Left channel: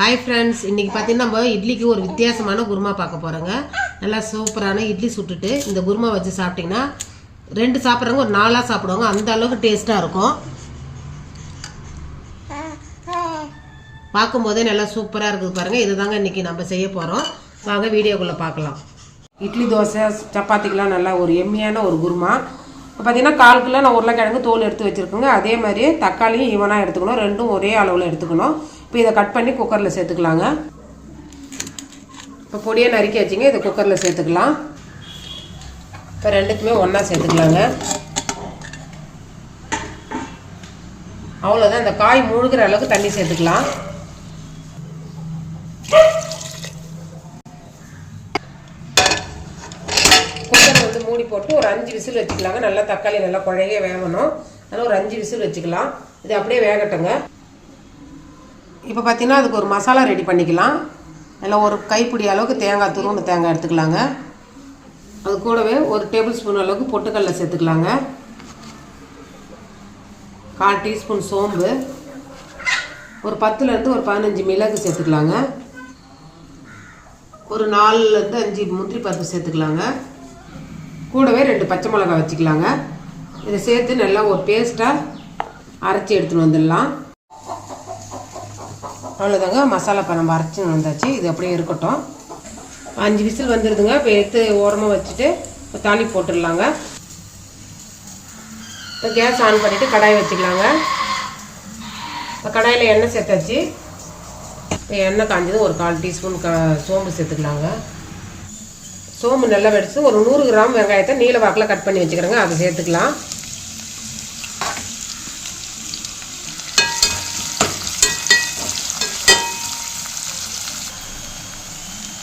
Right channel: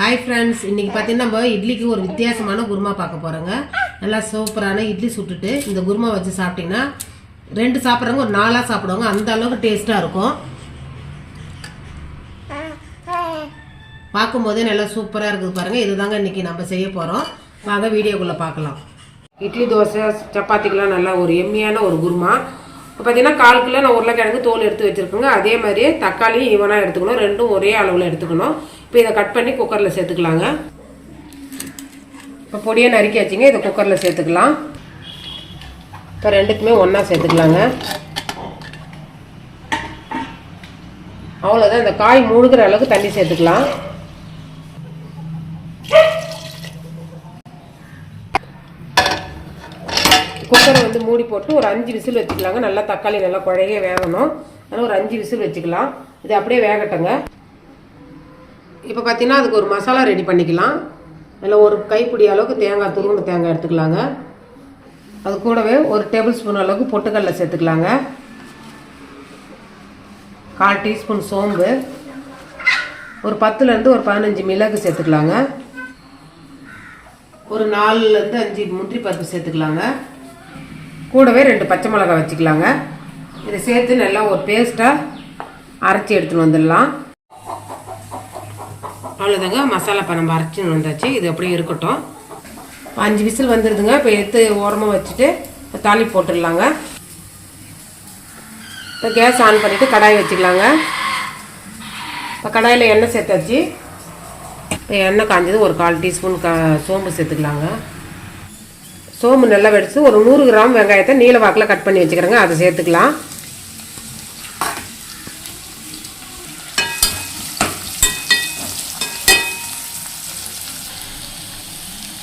Hi friends इनकी पातीना நம்ம இட்லிக்கு ஒரு வித்தியாசமான குருமா பார்க்க போறோங்க. நல்லா சூப்பரான இட்லி சுட்டுட்டு இந்த குருமா வச்சு சாப்பிட்டீங்கன்னா ரெண்டு சாப்பிடுறவங்க ஒரு நாலா சாப்பிடுவாங்க. அந்த அளவுக்கு டேஸ்டா இருக்கும். பாக்கும்போதே நல்லா சூப்பரா இருக்குது பாருங்க. இதுதாங்க இன்னைக்கு நம்ம செய்ய போறோம். வாங்க வீடியோக்குள்ள பார்க்கலாம். இட்லி தோசை சப்பாத்திக்குலாம் நல்லா ஒரு எம்மியான ஒரு குருமா. பார்த்தீங்கன்னா 1/4 கிலோ நான் உருளைக்கிழங்கு தோல் எடுத்து வச்சுருக்கேங்க. அதே மாதிரி தக்காளியும் ஈவனாக எடுத்துக்கணும். ரெண்டும் ஒரே அளவில் எடுத்துக்கணும். இப்போ இதை கட் பண்ணி குக்கரில் சேர்த்துக்கலாங்க. இப்போ பொடியை நறுக்கி வச்சுங்க. இதை குக்கரில் சேர்த்துக்கலாம். இப்போ ரெண்டுக்குமே ஒன்றா சேர்த்துக்கலாங்க. அவ்வளோதான். இந்த காய் முழுகிற அளவுக்கு தண்ணி சேர்த்துக்கலாம். குக்கரை வந்து மூடி போட்டு ஒரு 5 விசில் வச்சுக்கலாங்க. நல்லா தக்காளி நல்லா குழைய வேகணும். அதனால் ஒரு 5 விசில் வச்சுக்கலாம். இது அப்படியே வேகட்டுங்க. இப்போ பார்த்தீங்கன்னா அதுக்கு ஒரு மசாலா ரெடி பண்ணிக்கலாம். அதில் ஒரு கைப்பிடி அளவுக்கு தேங்காய் துருவன தேங்காய் எடுத்துக்கலாங்க. அது கூடவே ஒரு டேபிள் ஸ்பூன் அளவுக்கு பொட்டுக்கடலை சேர்த்துக்கலாங்க. 1/4 டீஸ்பூன் சோம்பு, ஒரு 10லேருந்து ஒரு 15 மிளகு சேர்த்துக்கலாங்க. ஒரு 4லேருந்து 5 முந்திரி பருப்பு சேர்த்துக்கலாங்க. கூடவே 2 பச்சை மிளகாய் வச்சுக்கலாங்க. இதை சேர்த்து நல்லா ஒரு பேஸ்ட்டாக அரைச்சி எடுத்துன்னு வந்துடலாம். அவ்வளோதாங்க. மசாலா இப்போ நம்ம அரைச்சின்னு வந்தாச்சு. இது அப்படியே இருக்கட்டும். 5 விசில் வந்துடுதுங்க. இப்போ எடுத்து ஓரமாக வச்சுட்டு இப்போ தாளி போட்டுடலாங்க. இப்போ கேஸ் ஆன் பண்ணிவிட்டு கடாய் வச்சுக்கலாங்க. இப்போ கடாயில் எண்ணெய் சேர்த்தாச்சு. இப்போ எண்ணெய் காஞ்சது ஒரு 1/4 டீஸ்பூன் சோம்பு சேர்த்துக்கலாங்க. சோம்பு நல்லா வெடிச்சு ஒரு 100 கிராம் வெங்காயத்தை நீல வாக்கில் கட் பண்ணி வச்சுக்கிறேங்க. அதை சேர்த்துக்கலாம்.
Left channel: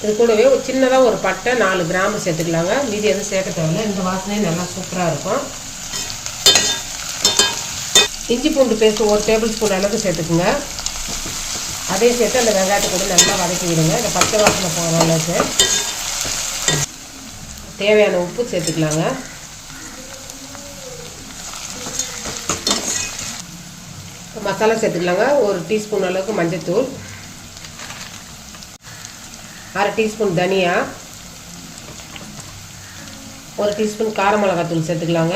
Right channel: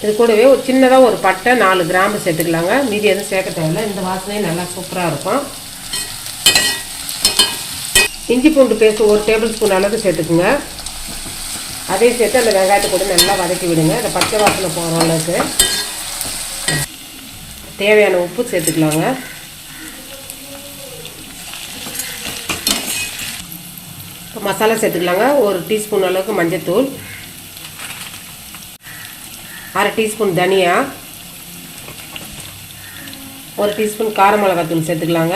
இது கூடவே ஒரு சின்னதாக ஒரு பட்டை 4 கிராம்பு சேர்த்துக்கலாங்க. மீதி எதுவும் சேர்க்க தேவையில்லை. இந்த வாசனையும் நல்லா சூப்பராக இருக்கும். இஞ்சி பூண்டு பேஸ்ட் ஒரு டேபிள் ஸ்பூன் அளவுக்கு சேர்த்துக்குங்க. அதே சேர்த்து அந்த வெங்காயத்தை கூட நல்லா வதக்கி விடுங்க. இந்த பச்சை வாசனை போகிற அளவுக்கு. தேவையான உப்பு சேர்த்துக்கலாங்க. மசாலா சேர்த்துக்கலாங்க. ஒரு டீஸ்பூன் அளவுக்கு மஞ்சத்தூள், 1/2 டீஸ்பூன் தனியா, 1 டீஸ்பூன் கார மிளகாத்தூள் சேர்த்துக்கலாங்க.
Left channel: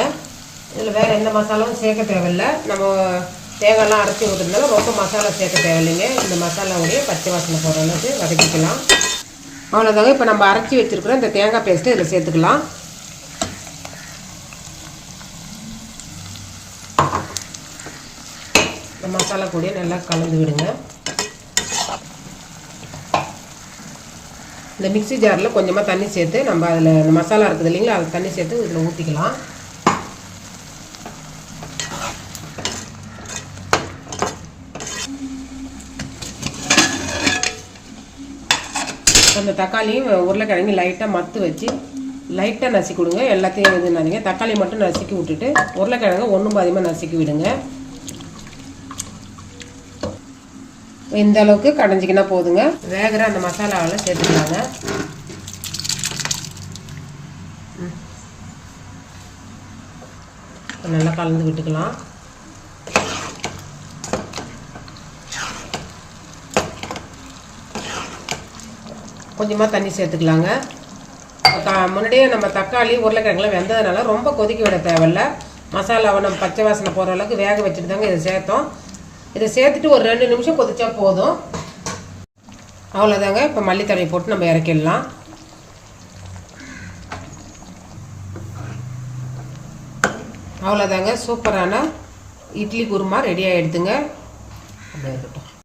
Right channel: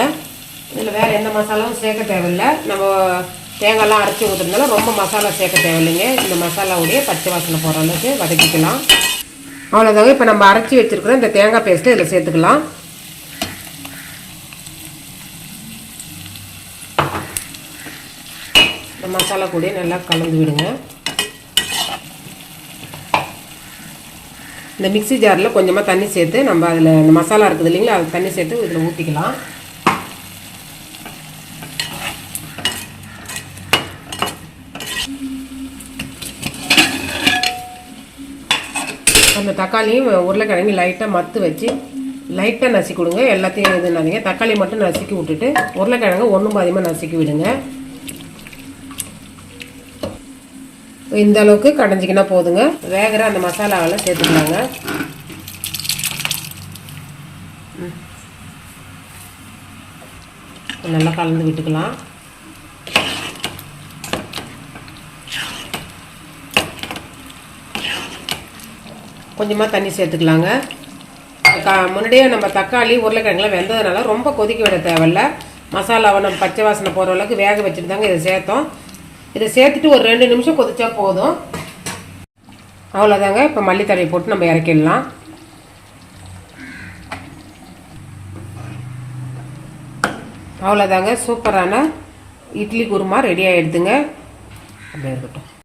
இதில் வேறு எந்த மசாலாவும் சேர்க்க தேவையில்லை. நம்ம தேங்காய்லாம் அரைச்சி ஊற்றுறதுனால ரொம்ப மசாலா சேர்க்க தேவையில்லைங்க. இந்த மசாலாவுடைய பச்சை வாசனை போகிற அளவுக்கு வதக்கிக்கலாம். அவ்வளோதாங்க. இப்போ நம்ம அரைச்சி வச்சுருக்கிற இந்த தேங்காய் பேஸ்ட்டை இதில் சேர்த்துக்கலாம். இந்த மசாலா கூட நல்லா கலந்து விடுங்க. இந்த மிக்ஸி ஜாரில் கொஞ்சமாக தண்ணி சேர்த்து நம்ம அதில் இந்த மசாலா இருக்குது இல்லைங்களா, அது தண்ணி சேர்த்து இதில் ஊற்றிக்கலாம். அந்த தக்காளியும் உருளைக்கிழங்கு லைட்டாக மத்து வச்சு லைட்டாக நசுக்கி கொடுங்க. எல்லாத்தையும் இது நினைங்க. தக்காளி மட்டும் நசுக்கி விட்டுட்டு உருளைக்கிழங்கு ஒன்றும் பாதியமாக நசுக்கி விடுங்க. இந்த அளவுக்கு கடைஞ்சிக்கினா போதுங்க. வேகிற அந்த மசாலாவெல்லாம் சேர்த்துக்கலாங்க. நல்லா கலந்து விட்டுக்கலாம். கொஞ்சமாக தண்ணி சேர்த்துக்கலாங்க. முன்னாடியே நம்ம தக்காளி உருளைக்கிழங்குலாம் வெந்ததுனால ரொம்ப கொதிக்க விட தேவையில்லை. மசாலாவை நம்ம பச்சை வாசனை போகிற அளவுக்கு வேக வச்சுட்டு தாங்க இதை சேர்த்தோம். இதை சேர்த்துட்டு ஒரு 2 நிமிஷம் கொதிச்சா போதும். அவ்வளோதாங்க. இப்போ மல்லித்தழை போட்டு நம்ம இறக்கிடலாம். அவ்வளோதாங்க. சூப்பரான இட்லி குருமா ரெடி ஆகிடுதுங்க. அப்படியே இருக்கட்டும்.